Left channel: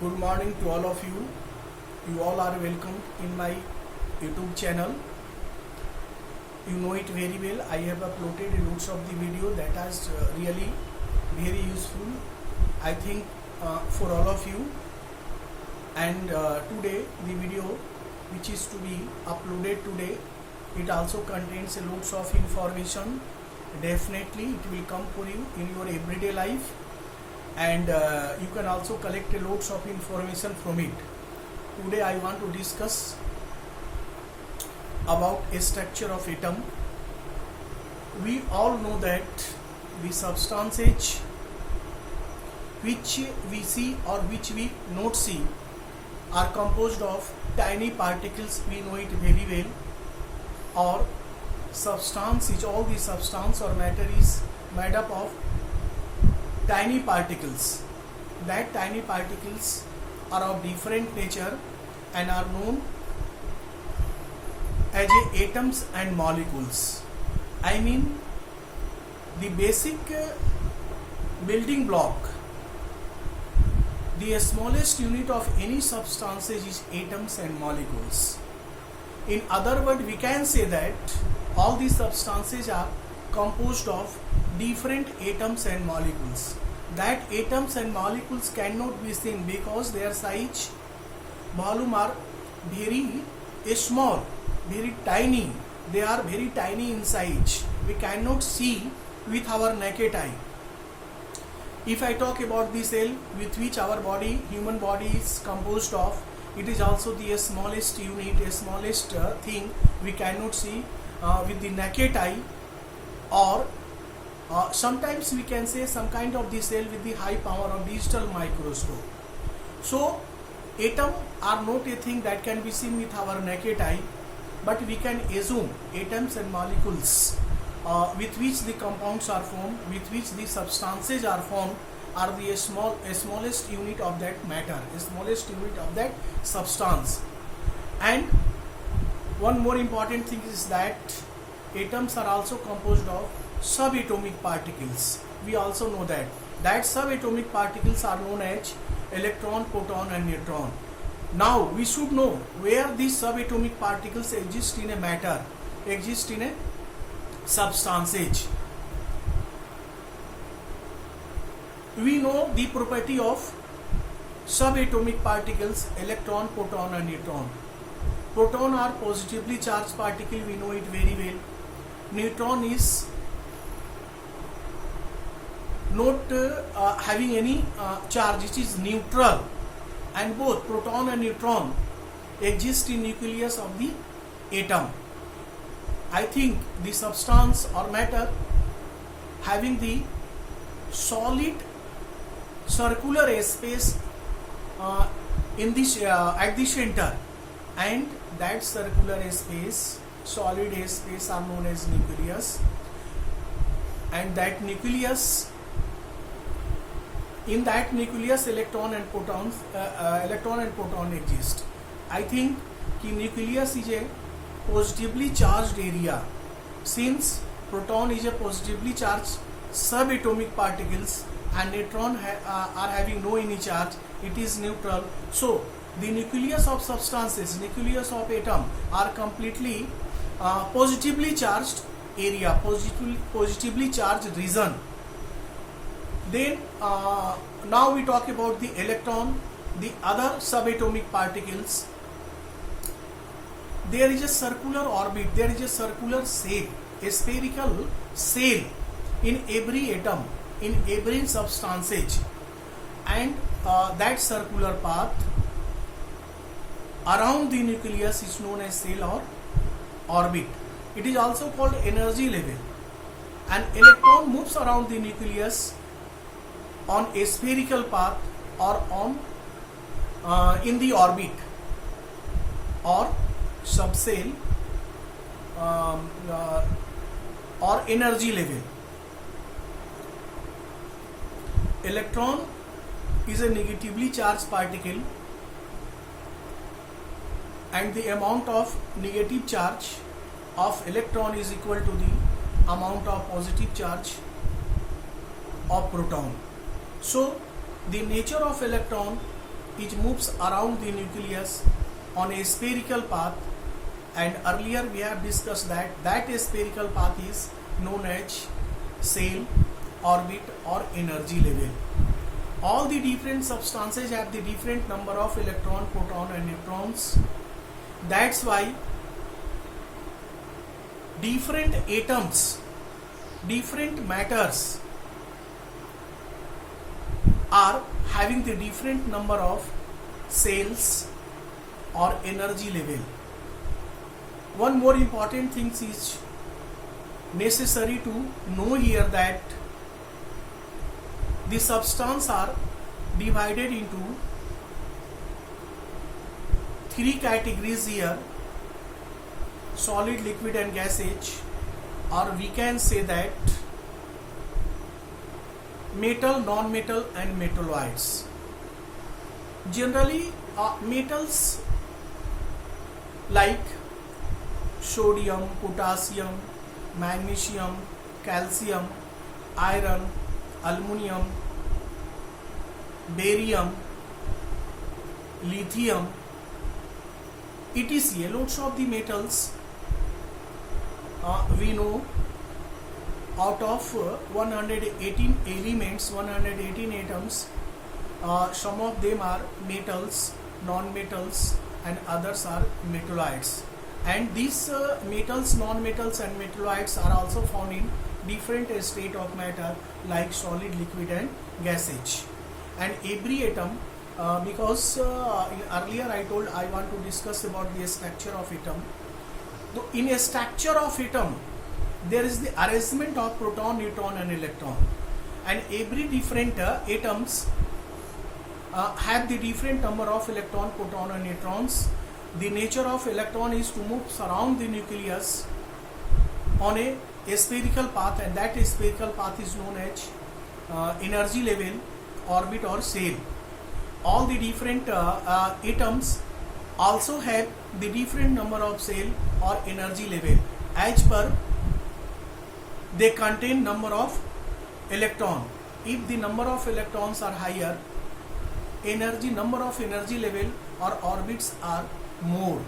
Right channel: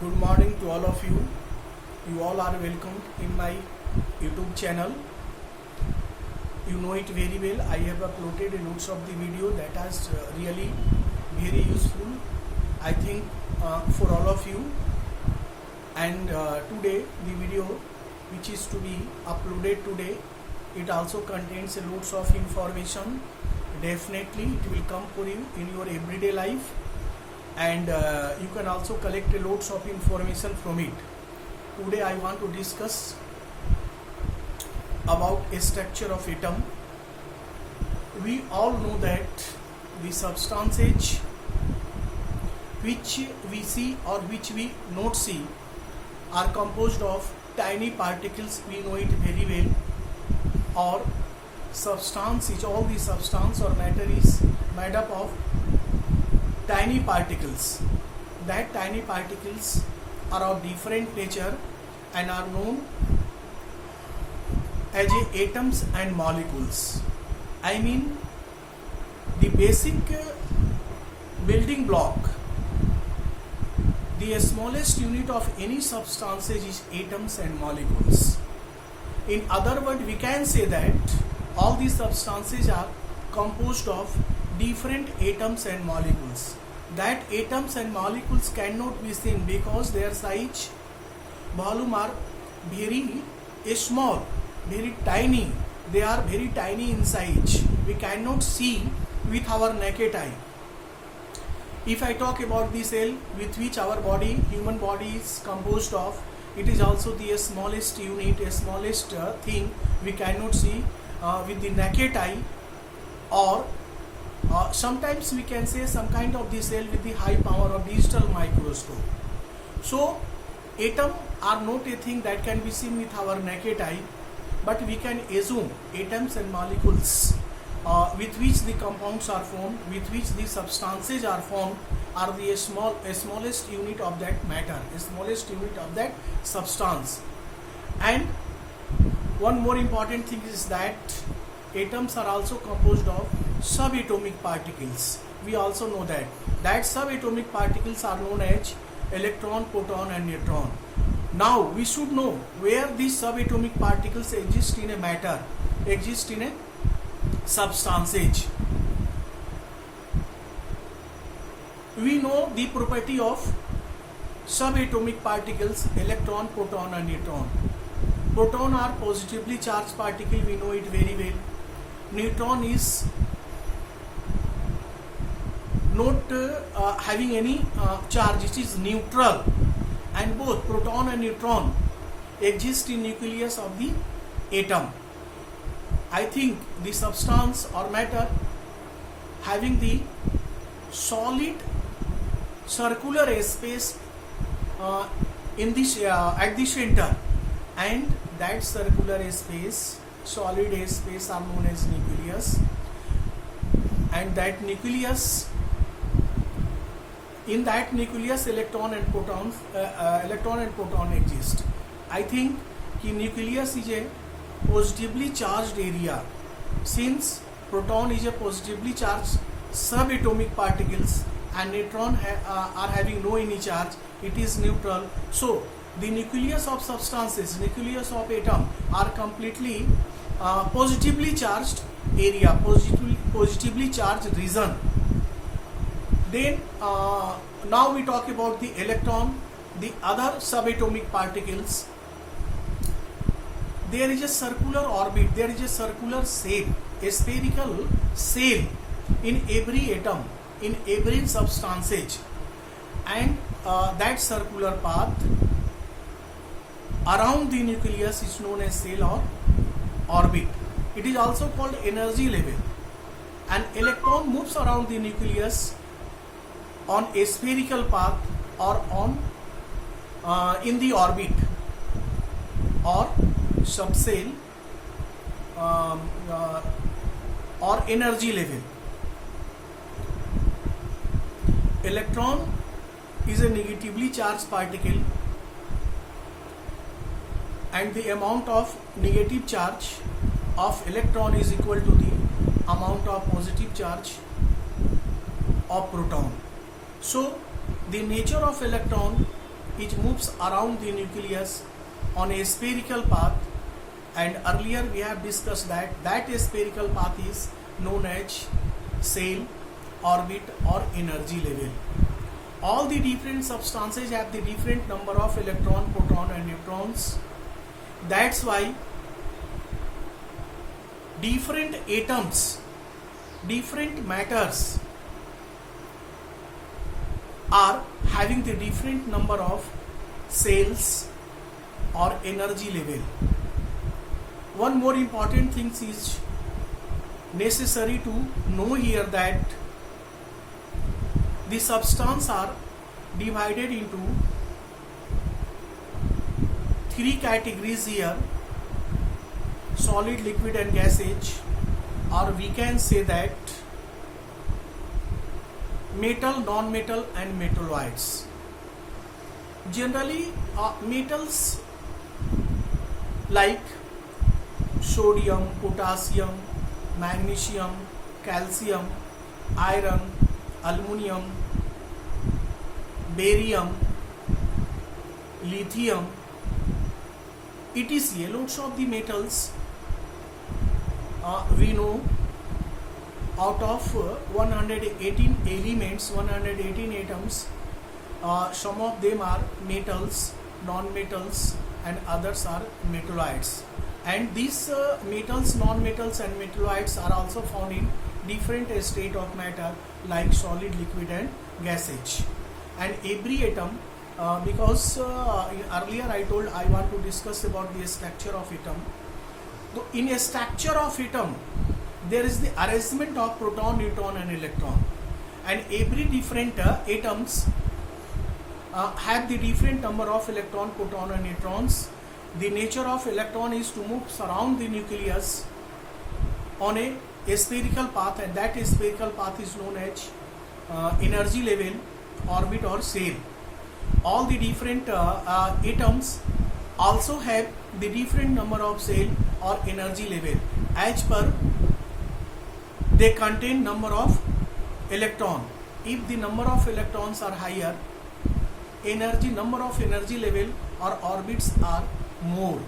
Good morning to all of you. You all are welcome in my YouTube channel. You know it very well. I have uploaded loads of the video that is really very useful, I think, for all of you. And today the video which is to be uploaded today, it also contains loads of information. Definitely it will come for you in your everyday life, and you can also collect loads of information from it. Today I want to discuss about a structure of atom. We all know that the substances which we see or which we not see are composed of tiny particles. We know it very well. Or substance is, all the substance or matter is made up of tiny particles. That tiny particles are of different nature and are known as atoms and molecules. I mean, the basic building block, the smallest unit of any substances is atoms and molecules. In other words, we can say that all these substances are composed of different atoms and molecules. That atoms and molecules cannot be seen because their size, volume are very small, very tiny. They are very tiny in size. We cannot see with our naked eye. If I talk about the cell with which our body, human body is composed of, it is also the smallest unit, smallest thing we cannot see with the naked eye, or sometimes we can say some kind of the cell with the high power of digital microscope. So atom are not a thing that can be seen with our naked eye, but we can assume atoms and molecules with which the compounds are formed, with which the substances are formed, are the smallest unit of that matter, smallest unit of that substance. And one more important thing is that atoms are also composed of subatomic particles. We also know that subatomic particles are known as electron, proton and neutron. Now we should know where these subatomic particles exist in a matter, exist in a substances. We know the property of subatomic particles, electron, proton and neutron. Proton are positively charged particle, we know it very well. Neutron is not having any charge, it is neutral, and both proton and neutron exist in nucleus of the atom. I think the substance or matter having the solid circular space in this at the center, and that circular space, solid space, are known as nucleus. And that nucleus, in that nucleus, electron and proton exist. I think the nucleus is a positively charged area. Since proton is a positively charged subatomic particles and neutron are having no any charge, it is neutral. So the nucleus of substances, nucleus of atom are completely positively charged area, positively charged region. Then now we talk about the electron, the other subatomic particles. There is a circular orbit, there is a circular cell, a spherical cell in every atom, in every substances, and that circular path around the nucleus is known as cell or orbit. It is also called energy level. An electron moves around the nucleus on a spherical path or on in the orbit or subcell or energy level. Electron is a negatively charged particle, and the amount of negative charge of electron is equal to the amount of positive charge of proton. So the nature of electron it moves around the nucleus on a spherical path, and earlier we have discussed that spherical path is known as cell, orbit or energy level. All the different substances have the different number of electron, proton and neutrons. That's why different atoms, different matters are having the different number of cells or energy level. One more important thing is necessary to know here, that the substance are divided into three categories here: solid, liquid and gaseous, or we can say that metal, non-metal and metalloids. Generally metals like sodium, potassium, magnesium, calcium, iron, aluminum, barium, lithium, etc. Lots of the metals we know. Out of 118 elements, 118 atoms, some of them are metals, non-metals and others are metalloids. And these metals, non-metals and metalloids are also found in different state of matter like solid, liquid and gaseous. And every atom, because earlier I told I want to discuss about the structure of atom. So in a structure of atom, there is the arrangement of proton, neutron and electron, and every different atoms have the different number of electron, proton and neutrons. The nature of electron is to move around the nucleus on a spherical path, and that spherical path is known as energy level, orbit or cell. All the different atoms also have the different number of cell or energy level as per they contain number of electron. If the number of electrons are higher, number of energy level or orbits are more.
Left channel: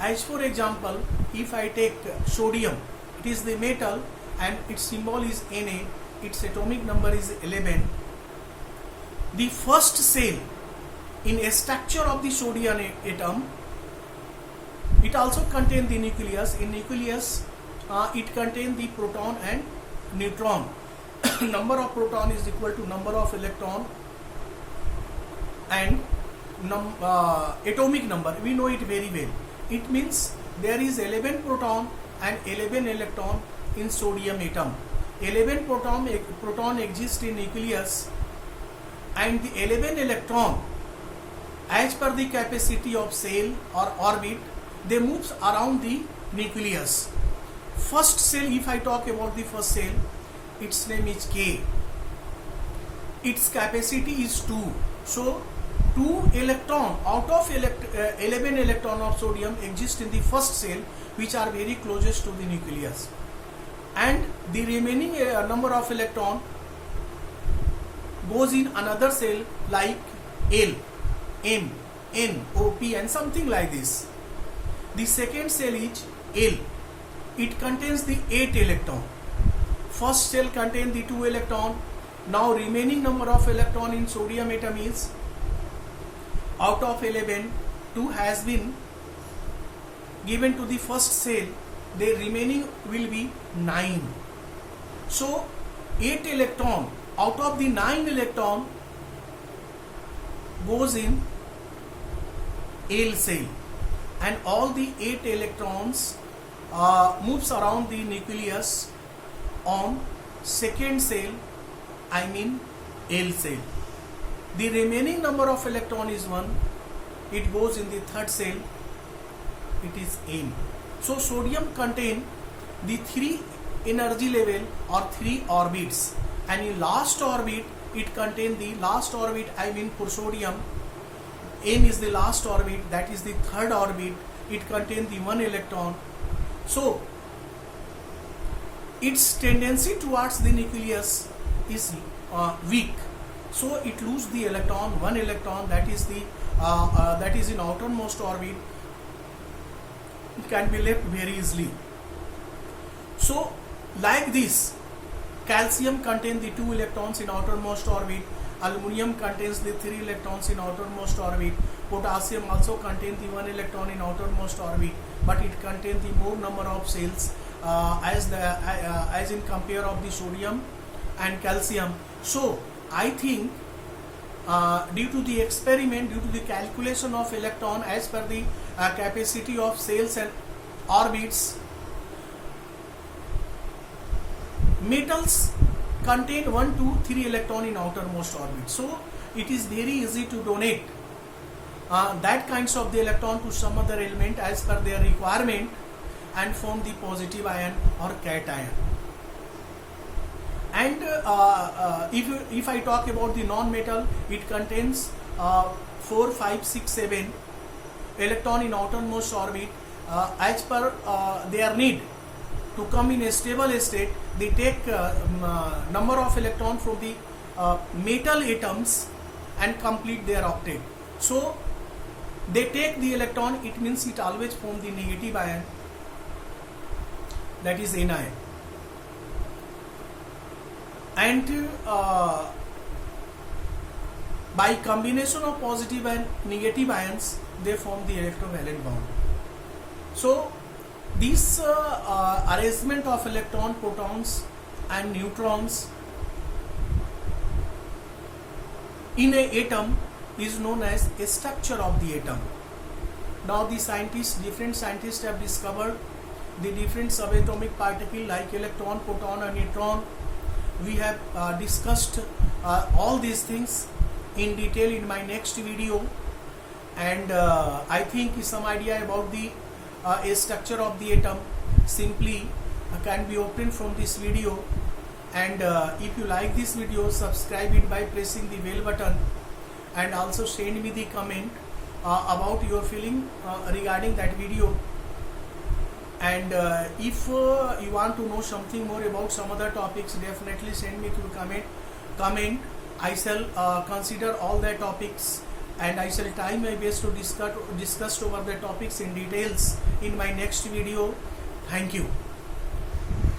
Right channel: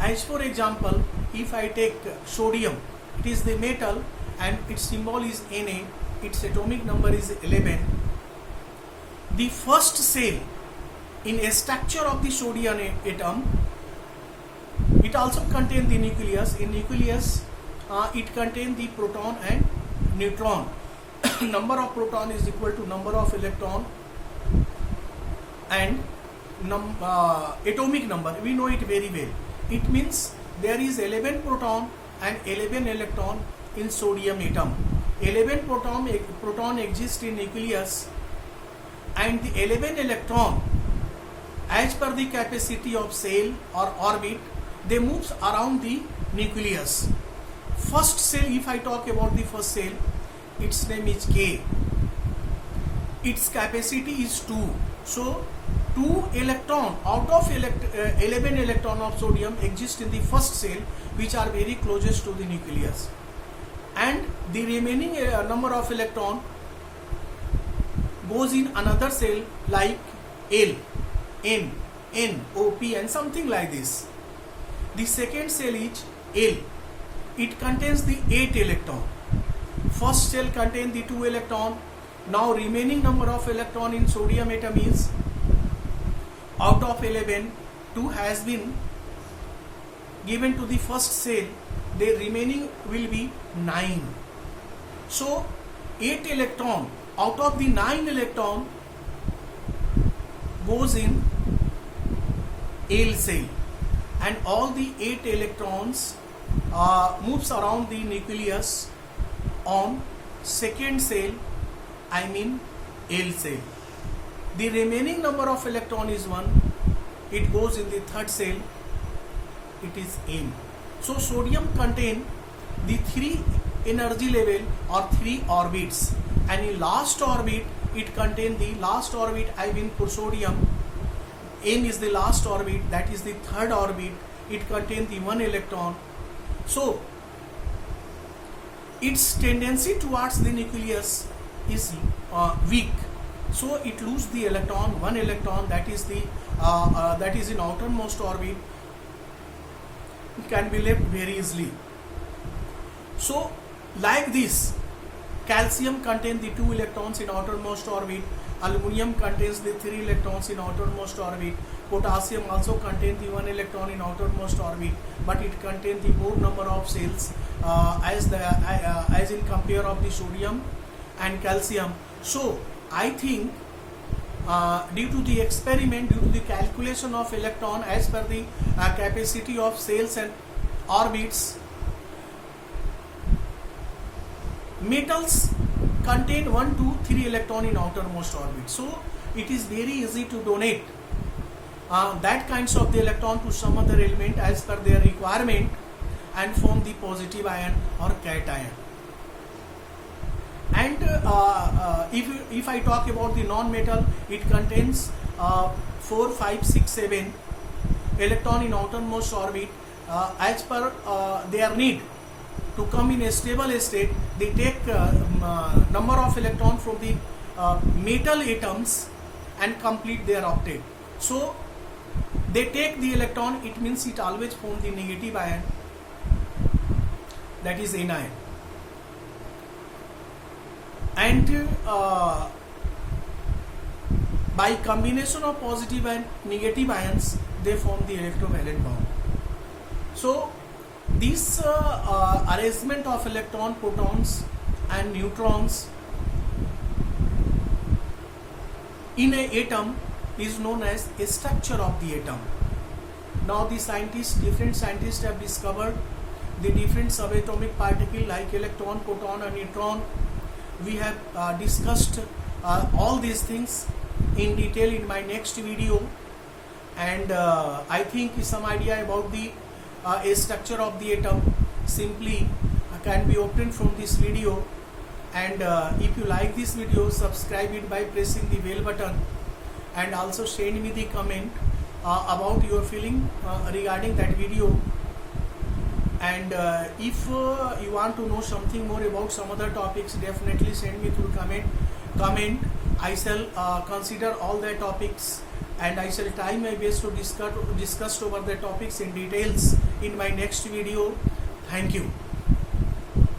As for example, if I take sodium, it is the metal and its symbol is Na, its atomic number is 11. The first cell in a structure of the sodium atom, it also contains the nucleus. In nucleus, it contains the proton and neutron. Number of proton is equal to number of electron, and atomic number we know it very well. It means there is 11 proton and 11 electron in sodium atom. 11 proton exist in nucleus, and the 11 electron, as per the capacity of cell or orbit, they moves around the nucleus. First cell, if I talk about the first cell, its name is K. Its capacity is 2. So 2 electron out of 11 electron of sodium exist in the first cell, which are very closest to the nucleus, and the remaining number of electron goes in another cell like L, M, N, O, P and something like this. The second cell is L. It contains the 8 electron. First cell contains the 2 electron. Now remaining number of electron in sodium atom is, out of 11, 2 has been given to the first cell. The remaining will be 9. So 8 electron out of the 9 electron goes in L cell, and all the 8 electrons moves around the nucleus on second cell, I mean L cell. The remaining number of electron is 1. It goes in the third cell, it is M. So sodium contain the 3 energy level or 3 orbits, and in last orbit it contain the last orbit, I mean for sodium, N is the last orbit, that is the third orbit. It contains the 1 electron. So its tendency towards the nucleus is weak. So it lose the electron, one electron that is the that is in outermost orbit. It can be left very easily. So like this, calcium contains the 2 electrons in outermost orbit, aluminum contains the 3 electrons in outermost orbit, potassium also contains the 1 electron in outermost orbit, but it contains the more number of cells as in compare of the sodium and calcium. So I think due to the experiment, due to the calculation of electron as per the capacity of cells and orbits, metals contain 1, 2, 3 electron in outermost orbit. So it is very easy to donate that kinds of the electron to some other element as per their requirement and form the positive ion or cation. And if I talk about the non-metal, it contains 4, 5, 6, 7 electron in outermost orbit as per their need. To come in a stable state, they take number of electrons from the metal atoms and complete their octet. So they take the electron, it means it always forms the negative ion, that is anion. And by combination of positive and negative ions, they form the electrovalent bond. So this arrangement of electron, protons and neutrons in an atom is known as a structure of the atom. Now the different scientists have discovered the different subatomic particles like electron, proton and neutron. We have discussed all these things in detail in my next video, and I think some idea about the a structure of the atom simply can be obtained from this video. And if you like this video, subscribe it by pressing the bell button, and also send me the comment about your feeling regarding that video. And if you want to know something more about some other topics, definitely send me through comment. I shall consider all the topics, and I shall try my best to discuss over the topics in details in my next video. Thank you.